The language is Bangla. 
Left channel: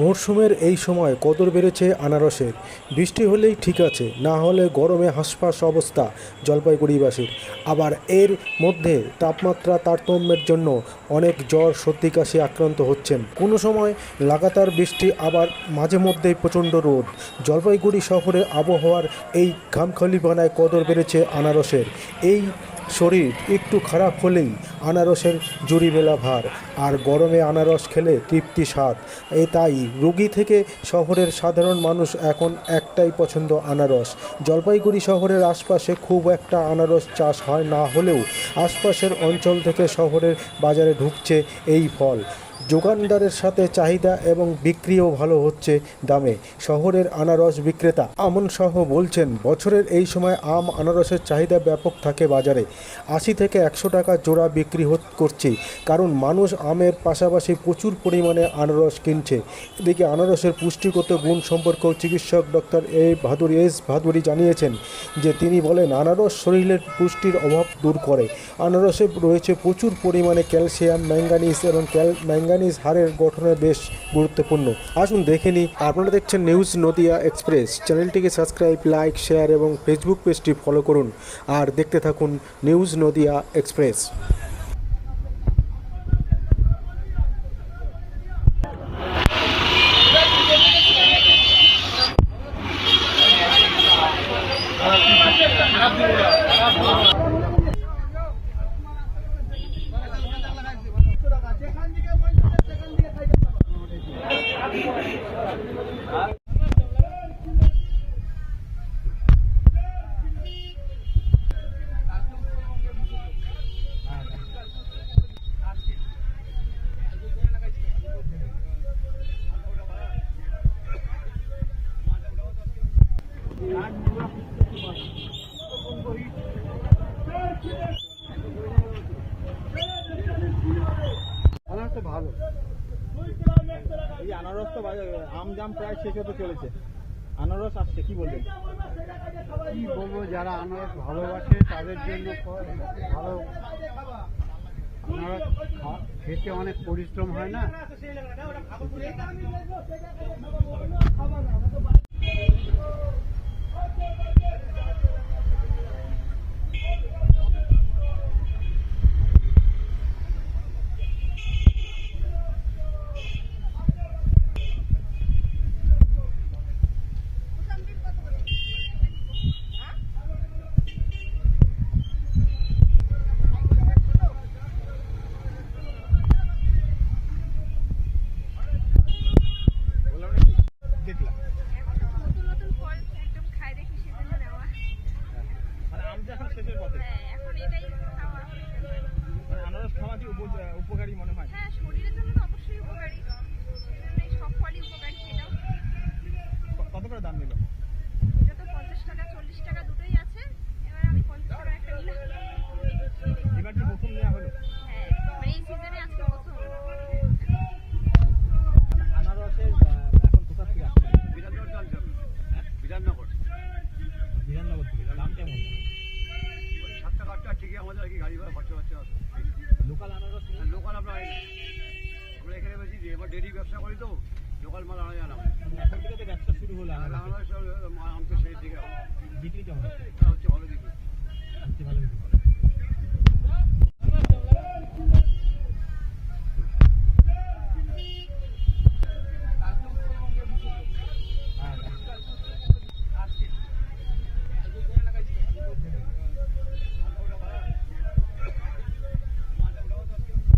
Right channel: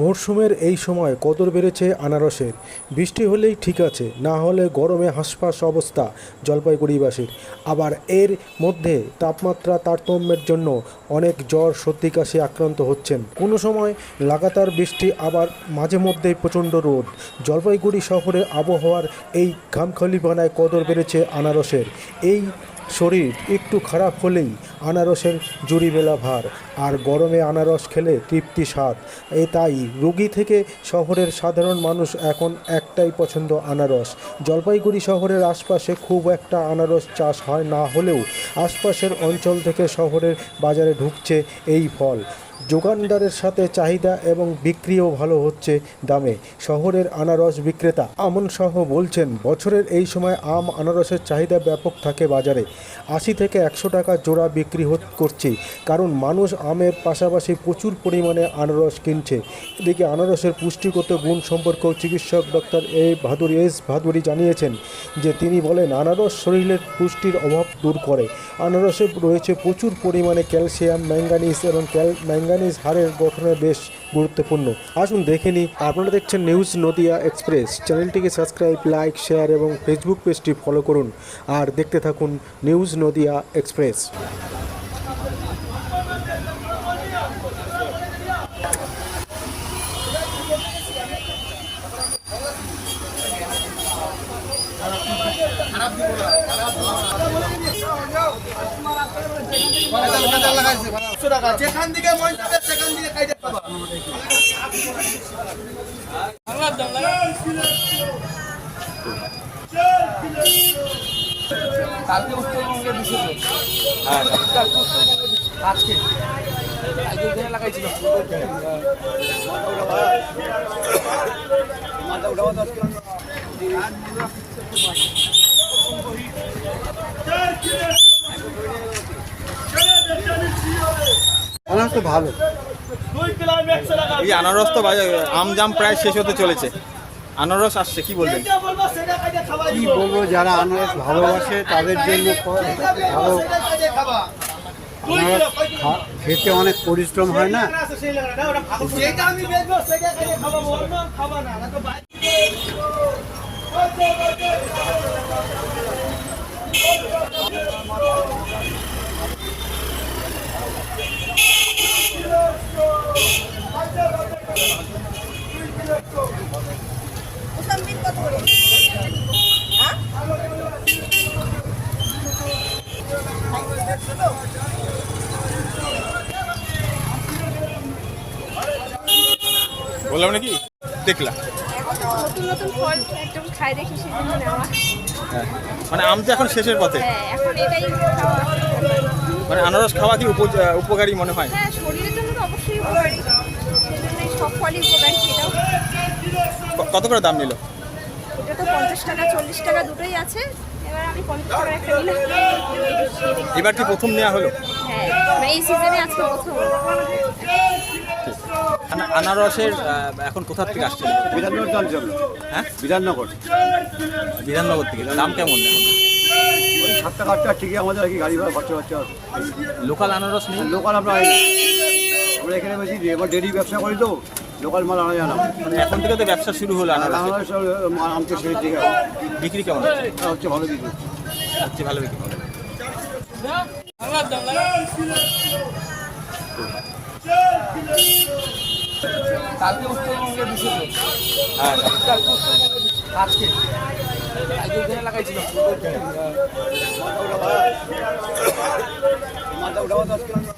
মরশুমের এই সময় কদর বেড়েছে আনারসের। বৃষ্টি হলেই ঠিক আছে, না হলে গরমে হাঁসফাঁস অবস্থা জলপাইগুড়িবাসীর। আবার এর মধ্যে তাপমাত্রা তারতম্যের জন্য অনেক জ্বর, সর্দি, কাশি আক্রান্ত হচ্ছেন। কোনো সময় লাগাতার বৃষ্টি, আবার মাঝে মধ্যেই প্রচণ্ড রোদ। জলপাইগুড়ি শহরে আবহাওয়ার এই ঘামখলিপানায় কদর বেড়েছে আনারসের। এই শরীর একটু খারাপ হলেই আনারসের জুড়ি মেলা ভার, আর গরমে আনারস খেলে তৃপ্তি স্বাদ। এ তাই রুগী থেকে শহরের সাধারণ মানুষ এখন একটাই পছন্দ আনারস। জলপাইগুড়ি শহরের আশপাশে খুব একটা আনারস চাষ হয় না হলেও আশপাশের অঞ্চল থেকে শহরের বাজারে ঢুকছে এই ফল। যোগানদারের সাথে চাহিদা এবং বিক্রিও ভালো হচ্ছে দামে। শহরের আনারস বিক্রেতা আমন সহ বলছেন, বছরের এই সময় আম আনারসের চাহিদা ব্যাপক থাকে বাজারে। আশি থেকে একশো টাকা জোড়া বিক্রি করছে, কারণ মানুষ আমের পাশাপাশি প্রচুর পরিমাণে আনারস কিনছে। এদিকে আনারসের পুষ্টিগত গুণ সম্পর্কেও চিকিৎসক doctor A Bhaduri S Bhaduri জানিয়েছেন যে তিনি বলেন, আনারস শরীরের পুষ্টির অভাব দূর করে। আনারসে রয়েছে প্রচুর পরিমাণে ক্যালসিয়াম, ম্যাঙ্গানিজ এবং ক্যাল ম্যাঙ্গানিজ হাড়ের গঠনে বেশ গুরুত্বপূর্ণ। আসুন দেখে নিই, আপনারা দেখছেন নিউজ নদিয়া এক্সপ্রেস চ্যানেলটিকে সাবস্ক্রাইব, লাইক, শেয়ার এবং ফেসবুক পেজটি ফলো করুন। আর দেখতে থাকুন নিউজ নদিয়া এক্সপ্রেস যেখান থেকে মন যাবে সেখান থেকে পাবা কালকে উত্তরবঙ্গে দিছিল হ্যাঁ। আজকে। কালকে ওখানে লাগাইছিল। মাথা উঠাবো দশ কিলো আনারস তো ভালো। এই আনারস তো আম জাম প্রায় শেষ হতে চলেছে। আনারস আসছে কি বলবেন? কি বলব যারা আনারস ভালোবাসে তাদের জন্য ভালো। আনারস খেতে অনেক পরিশ্রম হয় না খাবা না? বললাম নাকি? দেখলাম হ্যাঁ। মানে আম তো এখন শেষের পথে। হ্যাঁ মানে আনারস খাওয়া কি উপ- উপকারী মনে হয়। হ্যাঁ কত করে দাম নিল? এটা তো পঞ্চাশ টাকা চল্লিশ টাকা দুটোই আছে। এবার কি প্রথম নেওয়া হলো? হ্যাঁ মানে এই সিজনে আজকে প্রথম। আনা- আনারসের এখন কোথা থেকে আসছে বিধাননগর অঞ্চল হ্যাঁ? বিধাননগর। বিধাননগর থেকে। দাম কেমন? ওই সাত টাকা আট টাকা ঠিকই আমাদের আর কি গাড়ি ভাড়া খরচা খরচা লোকাল আনারস নেই? লোকাল আমরা আমরা এখানে বেশি এবার ডেলি ব্যবসা করি তো লোকাল মাল আনা যায় না। মানে এখন থেকে তো ব্যবসা শুরু হলো আনারস আনতে সেই দিকে। বিক্রি কেমন হচ্ছে? ভালো দিকে হচ্ছে ভালো বিক্রি। আজকে। কালকে